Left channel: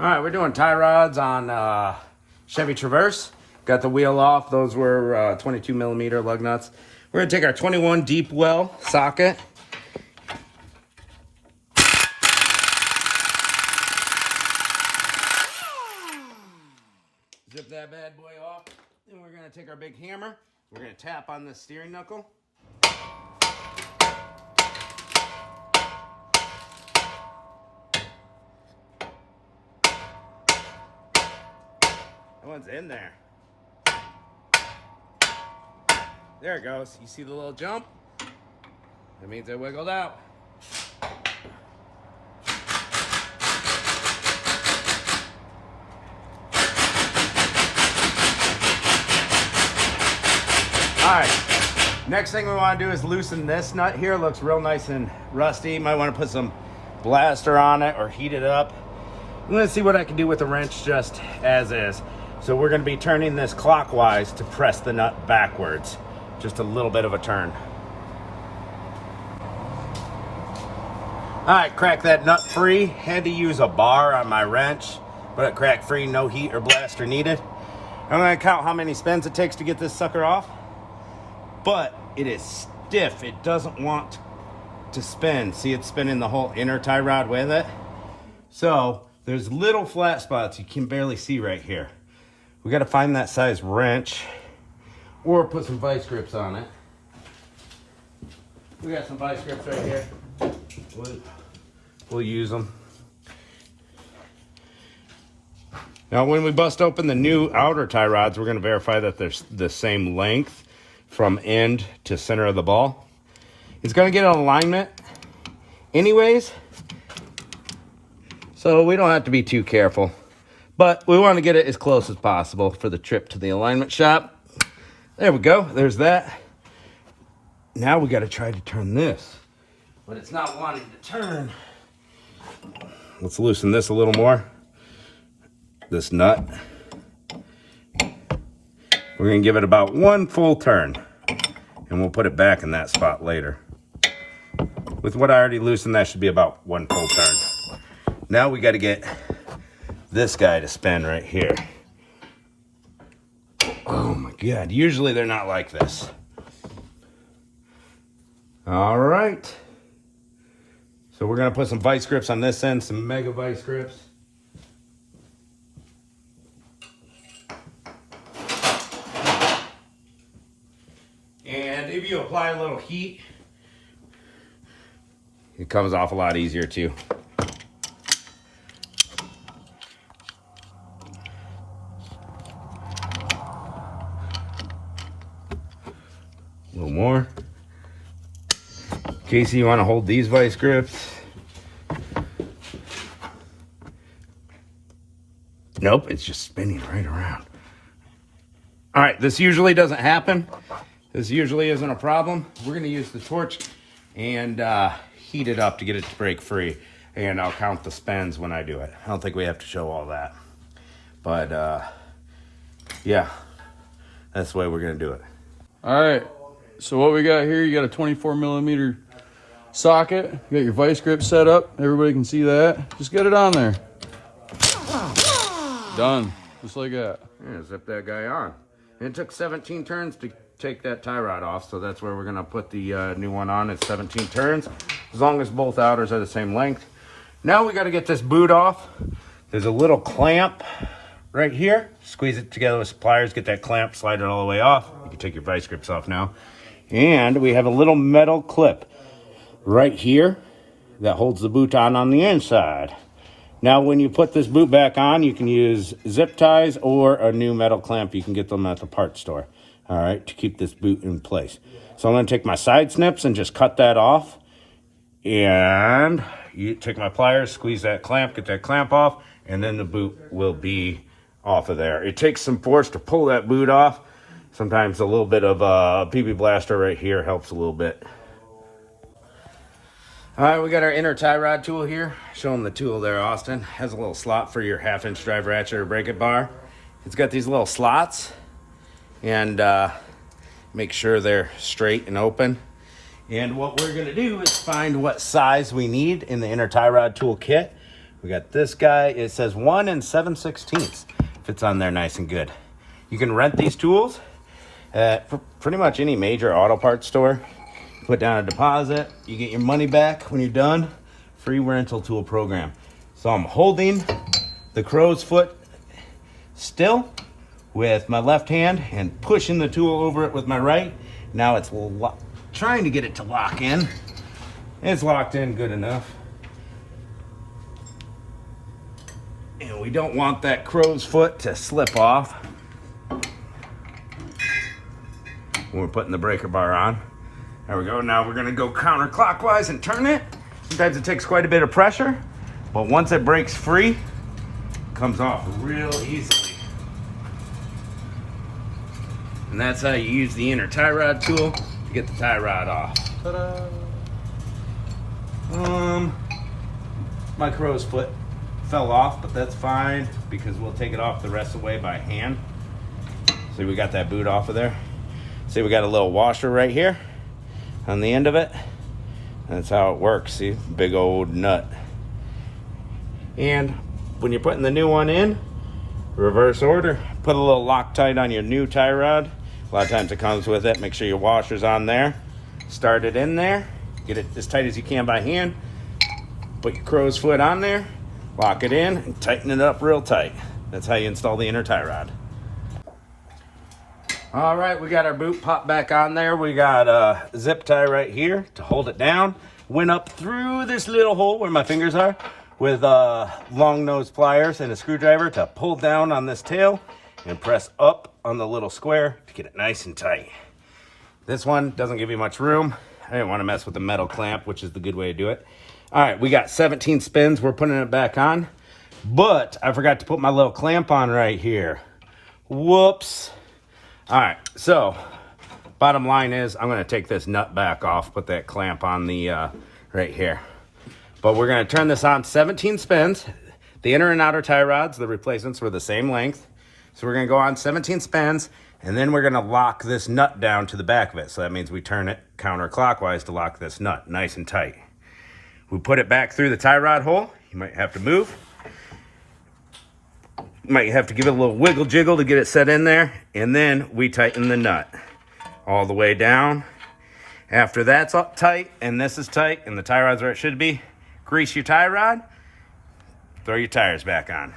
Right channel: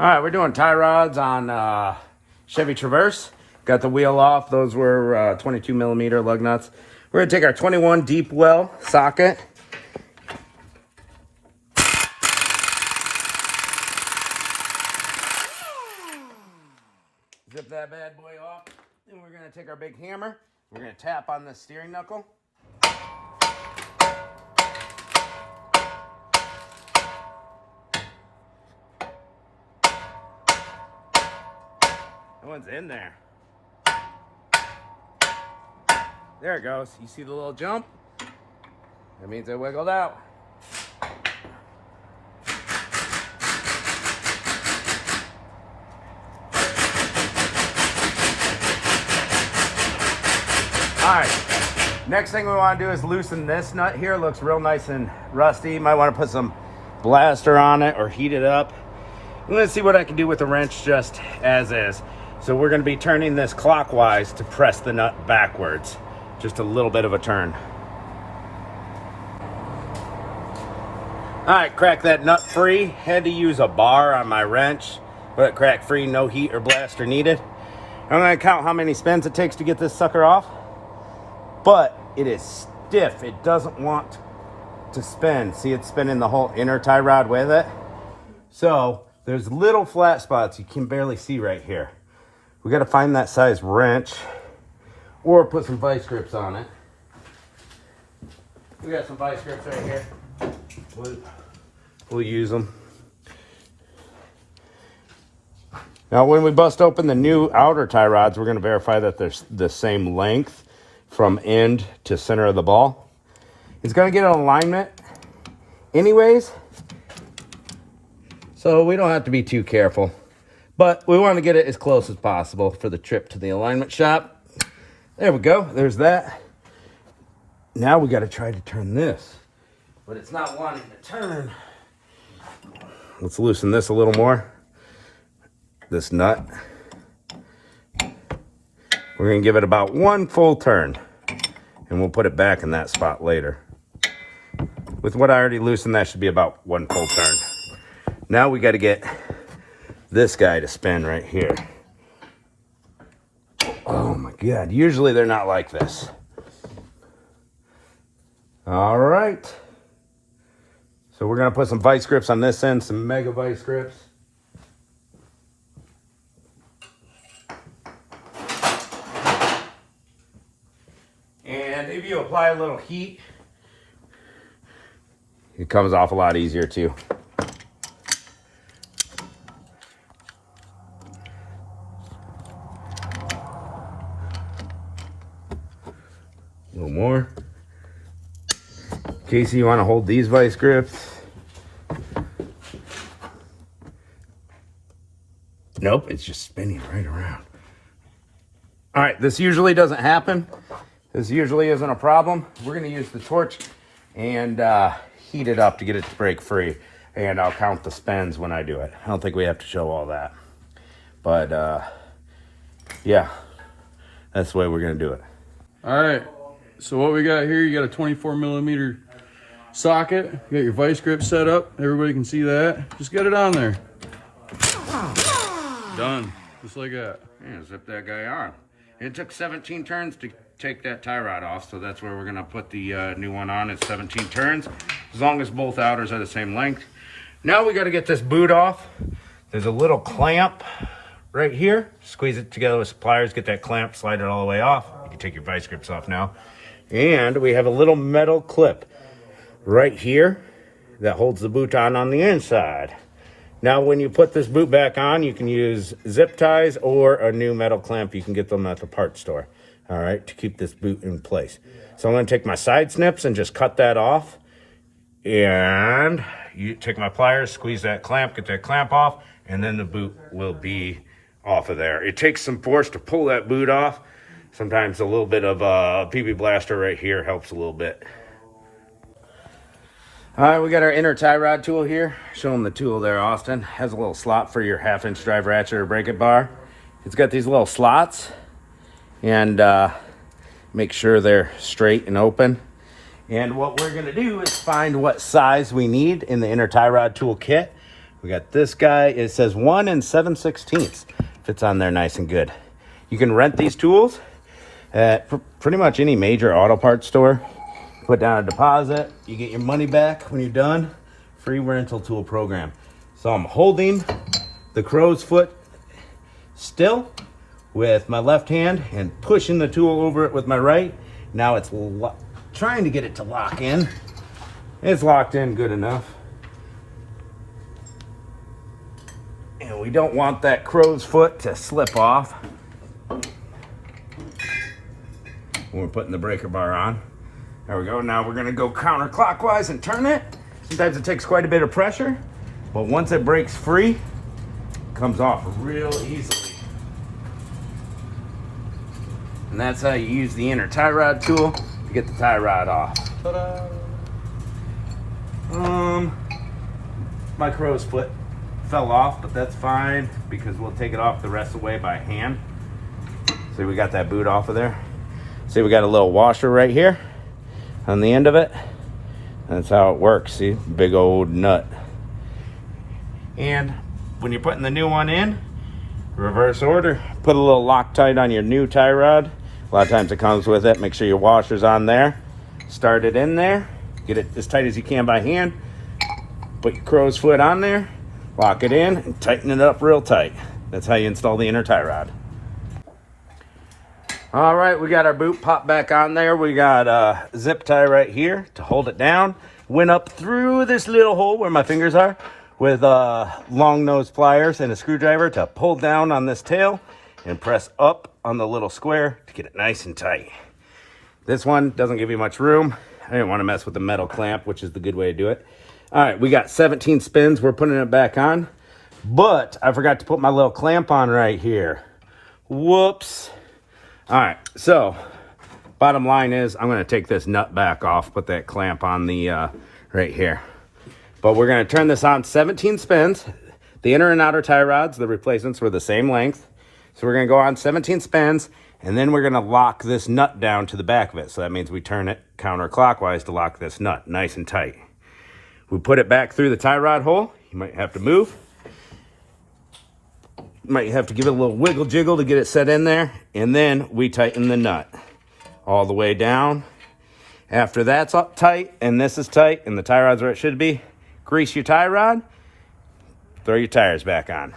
All right, we're doing tie rods on Chevy Traverse. Got the wheel off. Those were 22 millimeter lug nuts. We're gonna take our 21 deep well socket. Zip that bad boy off. Then we're gonna take our big hammer. We're gonna tap on this steering knuckle. One's in there. There it goes. You see the little jump? That means it wiggled out. Alright, next thing we want to do is loosen this nut here. It looks real nice and rusty. You might want to put some blaster on it or heat it up. I'm going to see what I can do with the wrench just as is. So we're going to be turning this clockwise to press the nut backwards. Just a little bit of a turn. Alright, crack that nut free. Had to use a bar on my wrench, but crack free, no heat or blaster needed. I'm going to count how many spins it takes to get this sucker off. But it is stiff. It doesn't want to spin. See, it's spinning the whole inner tie rod with it. So there's little flat spots you can barely see right here. We got to find that size wrench or put some vice grips on it. We got some vice grips right here. We'll use them. Now when we bust open the new outer tie rods, we're going to verify that they're the same length from end to center of the ball. It's going to get an alignment anyways, so we don't have to be too careful. But we want to get it as close as possible for the trip to the alignment shop. There we go. There's that. Now we got to try to turn this. But it's not wanting to turn. Let's loosen this a little more. This nut. We're going to give it about one full turn. And we'll put it back in that spot later. With what I already loosened, that should be about one full turn. Now we got to get this guy to spin right here. Oh my God, usually they're not like this. All right. So we're gonna put some vice grips on this end, some mega vice grips. And if you apply a little heat, it comes off a lot easier too. A little more. Casey, you want to hold these vice grips? Nope, it's just spinning right around. All right, this usually doesn't happen. This usually isn't a problem. We're going to use the torch and heat it up to get it to break free. And I'll count the spins when I do it. I don't think we have to show all that. But yeah, that's the way we're going to do it. All right. So what we got here, you got a 24 millimeter socket. You got your vice grip set up. Everybody can see that. Just get it on there. Done. Just like that. Yeah, zip that guy on. It took 17 turns to take that tie rod off, so that's where we're going to put the new one on. It's 17 turns, as long as both outers are the same length. Now we got to get this boot off. There's a little clamp right here. Squeeze it together with pliers, get that clamp, slide it all the way off. You can take your vice grips off now. And we have a little metal clip right here that holds the boot on the inside. Now when you put this boot back on, you can use zip ties or a new metal clamp. You can get them at the parts store, all right, to keep this boot in place. So I'm going to take my side snips and just cut that off. And you take my pliers, squeeze that clamp, get that clamp off, and then the boot will be off of there. It takes some force to pull that boot off. Sometimes a little bit of a PB blaster right here helps a little bit. All right, we got our inner tie rod tool here. Showing the tool there, Austin. Has a little slot for your 1/2-inch drive ratchet or bracket bar. It's got these little slots, and make sure they're straight and open. And what we're gonna do is find what size we need in the inner tie rod tool kit We got this guy. It says 1 7/16. Fits on there nice and good. You can rent these tools at pretty much any major auto parts store. Put down a deposit. You get your money back when you're done. Free rental tool program. So I'm holding the crow's foot still with my left hand and pushing the tool over it with my right. Now it's trying to get it to lock in. It's locked in good enough. And we don't want that crow's foot to slip off when we're putting the breaker bar on. There we go. Now we're going to go counterclockwise and turn it. Sometimes it takes quite a bit of pressure, but once it breaks free, it comes off real easily. And that's how you use the inner tie rod tool to get the tie rod off. My crow's foot fell off, but that's fine because we'll take it off the rest of the way by hand. See, we got that boot off of there. See, we got a little washer right here on the end of it. That's how it works. See, big old nut. And when you're putting the new one in, reverse order, put a little Loctite on your new tie rod. A lot of times it comes with it. Make sure your washer's on there. Start it in there. Get it as tight as you can by hand. Put your crow's foot on there. Lock it in and tighten it up real tight. That's how you install the inner tie rod. All right, we got our boot popped back on there. We got a zip tie right here to hold it down. Went up through this little hole where my fingers are with long nose pliers and a screwdriver to pull down on this tail and press up on the little square to get it nice and tight. This one doesn't give you much room. I didn't want to mess with the metal clamp, which is the good way to do it. All right, we got 17 spins. We're putting it back on, but I forgot to put my little clamp on right here. Whoops. All right, so bottom line is I'm going to take this nut back off, put that clamp on the right here. But we're going to turn this on 17 spins. The inner and outer tie rods, the replacements were the same length. So we're going to go on 17 spins, and then we're going to lock this nut down to the back of it. So that means we turn it counterclockwise to lock this nut nice and tight. We put it back through the tie rod hole. You might have to move. Might have to give it a little wiggle jiggle to get it set in there. And then we tighten the nut all the way down. After that's up tight and this is tight and the tie rod's where it should be, grease your tie rod, throw your tires back on.